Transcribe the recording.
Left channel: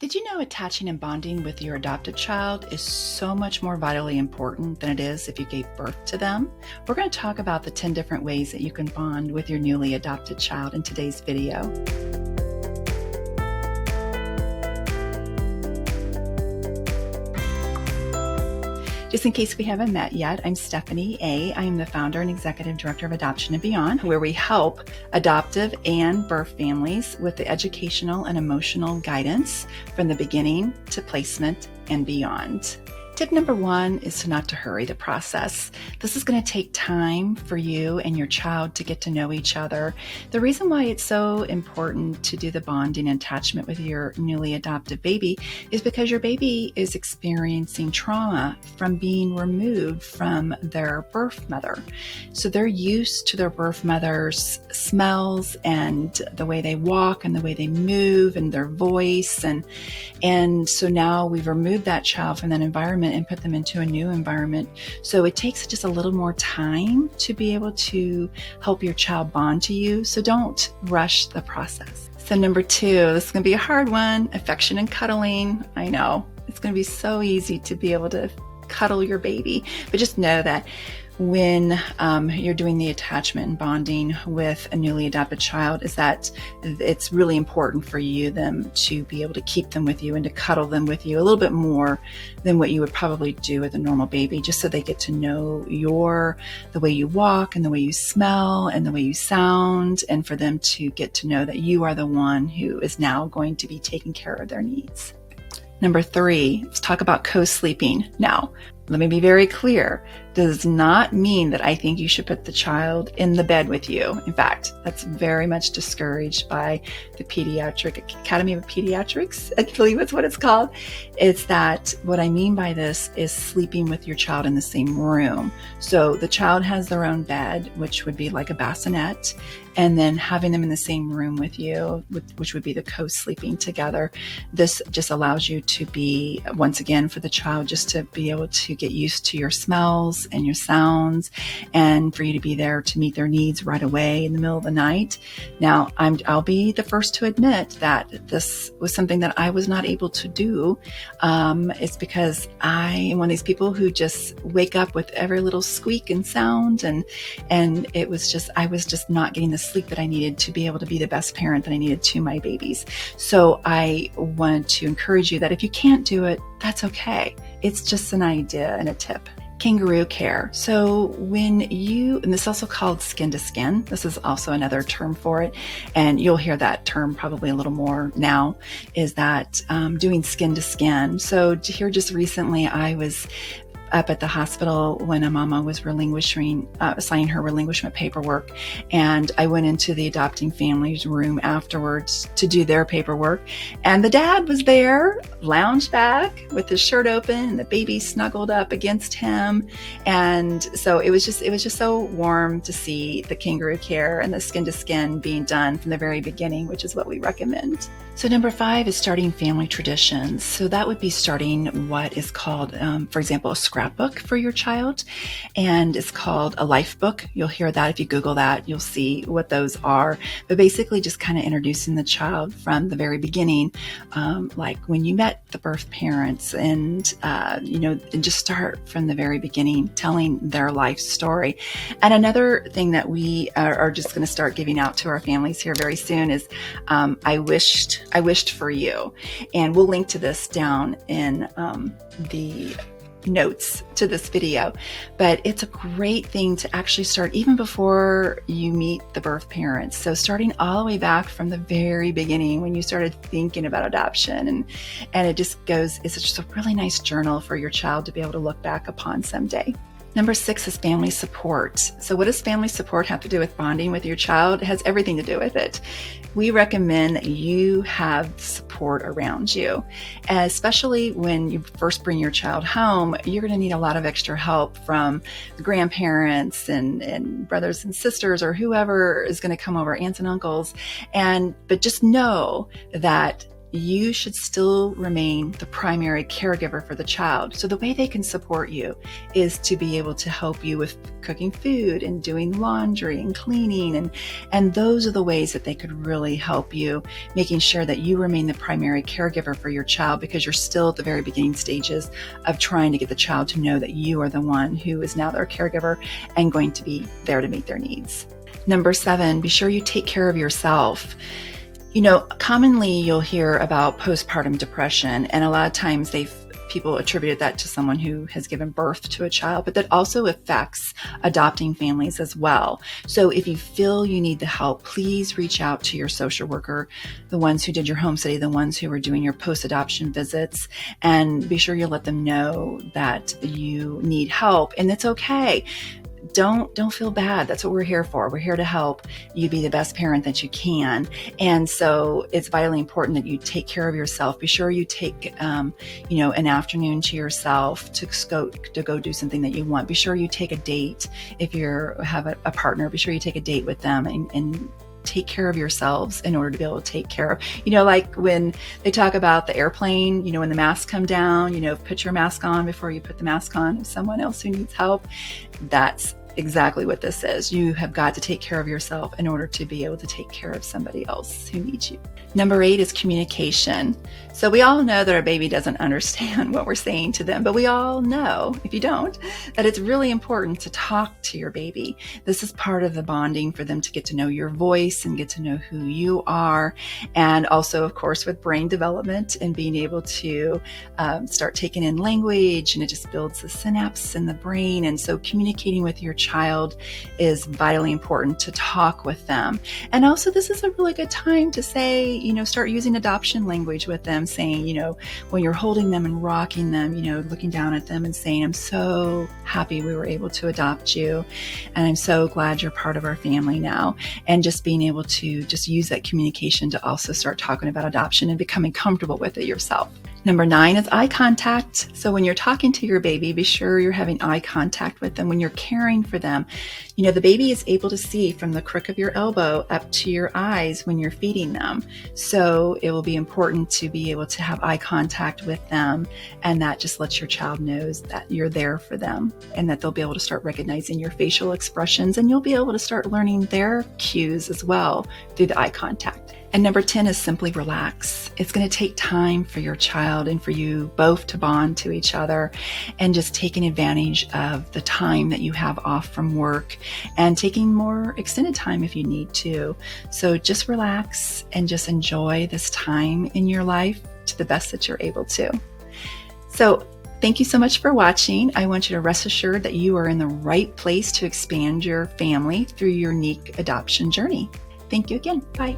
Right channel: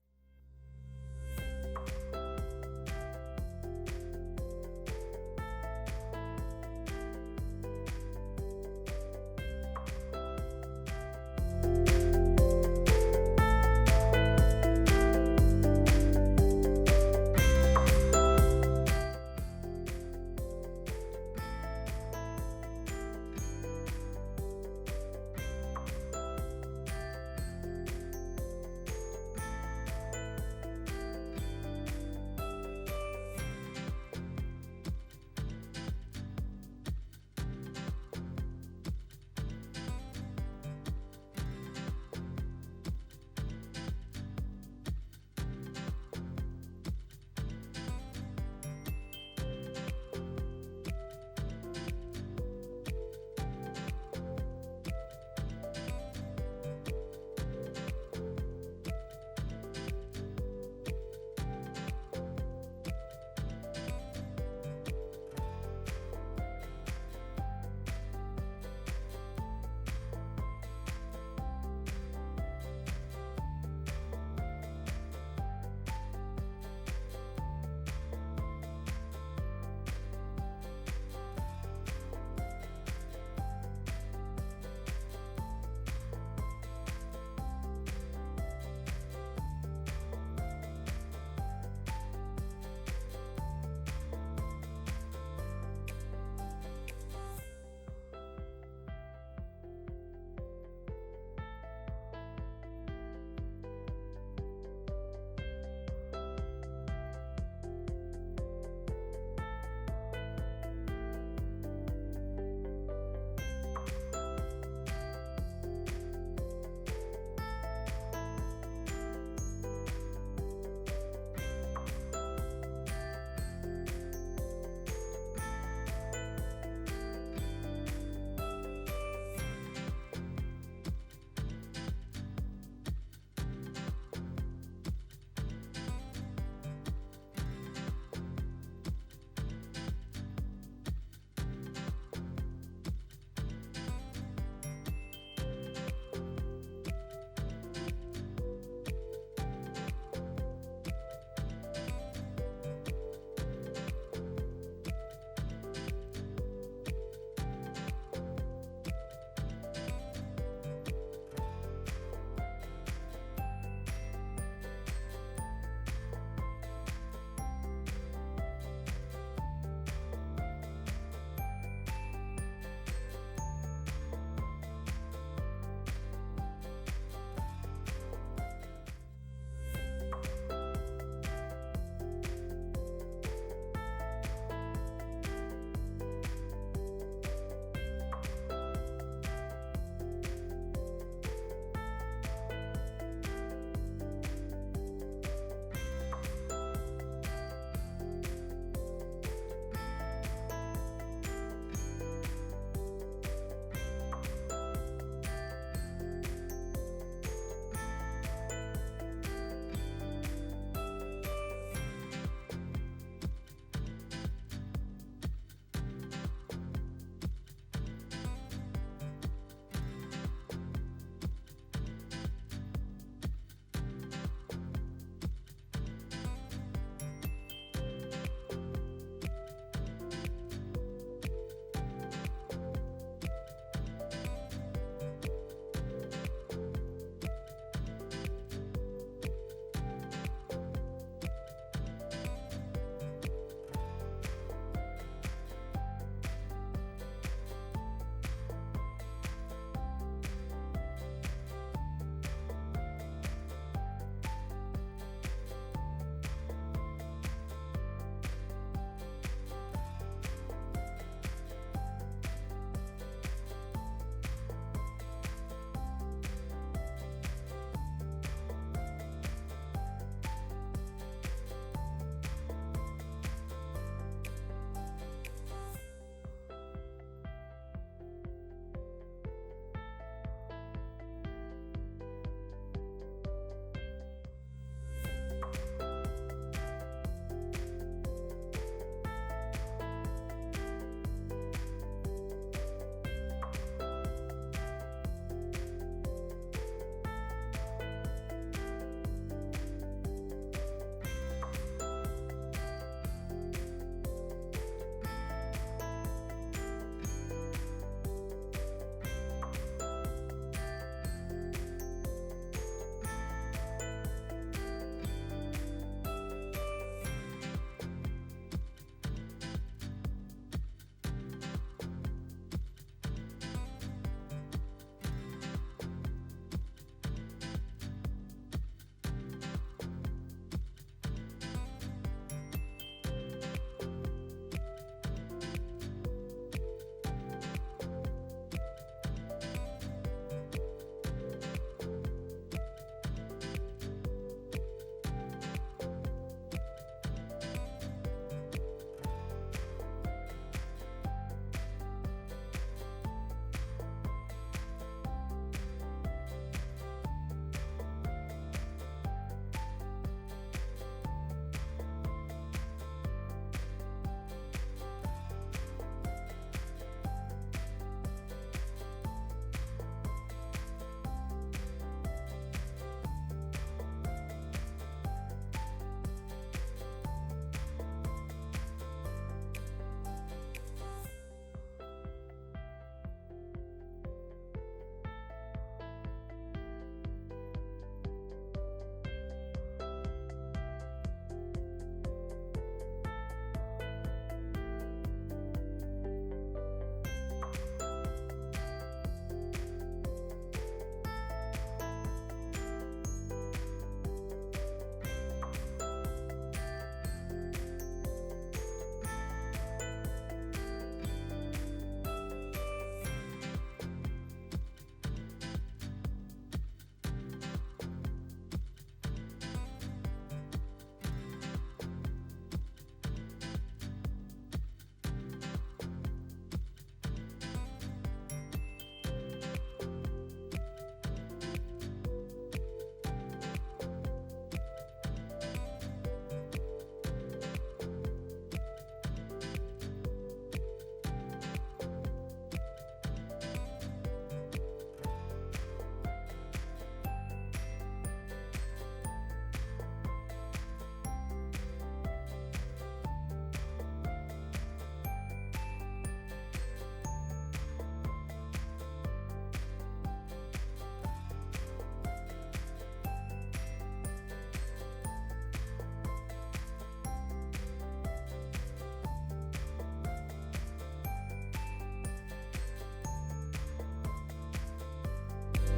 Did you know attaching and bonding with your adopted child is so much more vitally important than it is if you gave birth to them? We're going to talk about the 10 different ways that you can bond with your newly adopted child in today's video. Just in case we haven't met yet, I'm Steffany Aye. I am the founder and executive director of Adoption and Beyond, where we help adoptive and birth families with the educational and emotional guidance from the beginning to placement and beyond. Tip number 1 is not to hurry the process. This is going to take time for you and your child to get to know each other. The reason why it's so important to do the bonding and attachment with your newly adopted baby is because your baby is experiencing trauma from being removed from their birth mother. So they're used to their birth mother's smells and the way they walk and the way they move and their voice. And so now we've removed that child from that environment and put them into a new environment. So it takes just a little more time to be able to help your child bond to you. So don't rush the process. So number 2, this is going to be a hard one, affection and cuddling. I know it's going to be so easy to be able to cuddle your baby, but just know that when you're doing the attachment and bonding with a newly adopted child is that it's really important for them to be able to keep them with you and to cuddle them with you a little bit more than what you would probably do with a normal baby, just so they get to know the way you walk and the way you smell and the way you sound, and for them to get to know that you are the one who is now going to be taking care of their needs. Number 3, let's talk about co-sleeping. Now, let me be very clear. Does not mean that I think you should put the child in the bed with you. In fact, that's very much discouraged by the Pediatric Academy of Pediatrics. I believe that's what it's called. It's that what I mean by this is sleeping with your child in the same room. So the child has their own bed, which would be like a bassinet, and then having them in the same room with you, which would be the co-sleeping together. This just allows you to be, once again, for the child just to be able to get used to your smells and your sounds, and for you to be there to meet their needs right away in the middle of the night. Now, I'll be the first to admit that this was something that I was not able to do. It's because I am one of these people who just wake up with every little squeak and sound, and I was just not getting the sleep that I needed to be able to be the best parent that I needed to my babies. So I want to encourage you that if you can't do it, that's okay. It's just an idea and a tip. Kangaroo care. So and this is also called skin to skin. This is also another term for it. And you'll hear that term probably a little more now, is that doing skin to skin. So here just recently, I was up at the hospital when a mama was signing her relinquishment paperwork. And I went into the adopting family's room afterwards to do their paperwork. And the dad was there, lounged back with his shirt open and the baby snuggled up against him. And so it was just so warm to see the kangaroo care and the skin to skin being done from the very beginning, which is what we recommend. So number 5 is starting family traditions. So that would be starting what is called, for example, a scrapbook for your child, and it's called a life book. You'll hear that if you Google that, you'll see what those are. But basically just kind of introducing the child from the very beginning, like when you met the birth parents, and just start from the very beginning, telling their life story. And another thing that we are just going to start giving out to our families here very soon is I wished for you, and we'll link to this down in the notes to this video. But it's a great thing to actually start even before you meet the birth parents. So starting all the way back from the very beginning when you started thinking about adoption, and it's just a really nice journal for your child to be able to look back upon someday. Number 6 is family support. So what does family support have to do with bonding with your child? It has everything to do with it. We recommend that you have support around you, especially when you first bring your child home. You're going to need a lot of extra help from the grandparents and brothers and sisters, or whoever is going to come over, aunts and uncles. But just know that you should still remain the primary caregiver for the child. So the way they can support you is to be able to help you with cooking food and doing laundry and cleaning. And those are the ways that they could really help you, making sure that you remain the primary caregiver for your child, because you're still at the very beginning stages of trying to get the child to know that you are the one who is now their caregiver and going to be there to meet their needs. Number 7, be sure you take care of yourself. Commonly you'll hear about postpartum depression, and a lot of times people attributed that to someone who has given birth to a child, but that also affects adopting families as well. So if you feel you need the help, please reach out to your social worker, the ones who did your home study, the ones who are doing your post-adoption visits, and be sure you let them know that you need help, and it's okay. Don't feel bad. That's what we're here for. We're here to help you be the best parent that you can. And so it's vitally important that you take care of yourself. Be sure you take, an afternoon to yourself to go do something that you want. Be sure you take a date. If you have a partner, be sure you take a date with them and take care of yourselves in order to be able to take care of, like when they talk about the airplane, when the masks come down, put your mask on before you put the mask on. If someone else who needs help, that's exactly what this is. You have got to take care of yourself in order to be able to take care of somebody else who needs you. Number 8 is communication. So we all know that our baby doesn't understand what we're saying to them, but we all know, if you don't, that it's really important to talk to your baby. This is part of the bonding for them to get to know your voice and get to know who you are. And also, of course, with brain development and being able to start taking in language, and it just builds the synapse in the brain. And so communicating with your child is vitally important, to talk with them. And also, this is a really good time to say, start using adoption language with them, saying, when you're holding them and rocking them, looking down at them and saying, I'm so happy we were able to adopt you, and I'm so glad you're part of our family now. And just being able to just use that communication to also start talking about adoption and becoming comfortable with it yourself. Number 9 is eye contact. So when you're talking to your baby, be sure you're having eye contact with them. When you're caring for them, the baby is able to see from the crook of your elbow up to your eyes when you're feeding them. So it will be important to be able to have eye contact with them, and that just lets your child knows that you're there for them, and that they'll be able to start recognizing your facial expressions, and you'll be able to start learning their cues as well through the eye contact. And number 10 is simply relax. It's going to take time for your child and for you both to bond to each other, and just taking advantage of the time that you have off from work and taking more extended time if you need to. So just relax and just enjoy this time in your life to the best that you're able to. So thank you so much for watching. I want you to rest assured that you are in the right place to expand your family through your unique adoption journey. Thank you again. Bye.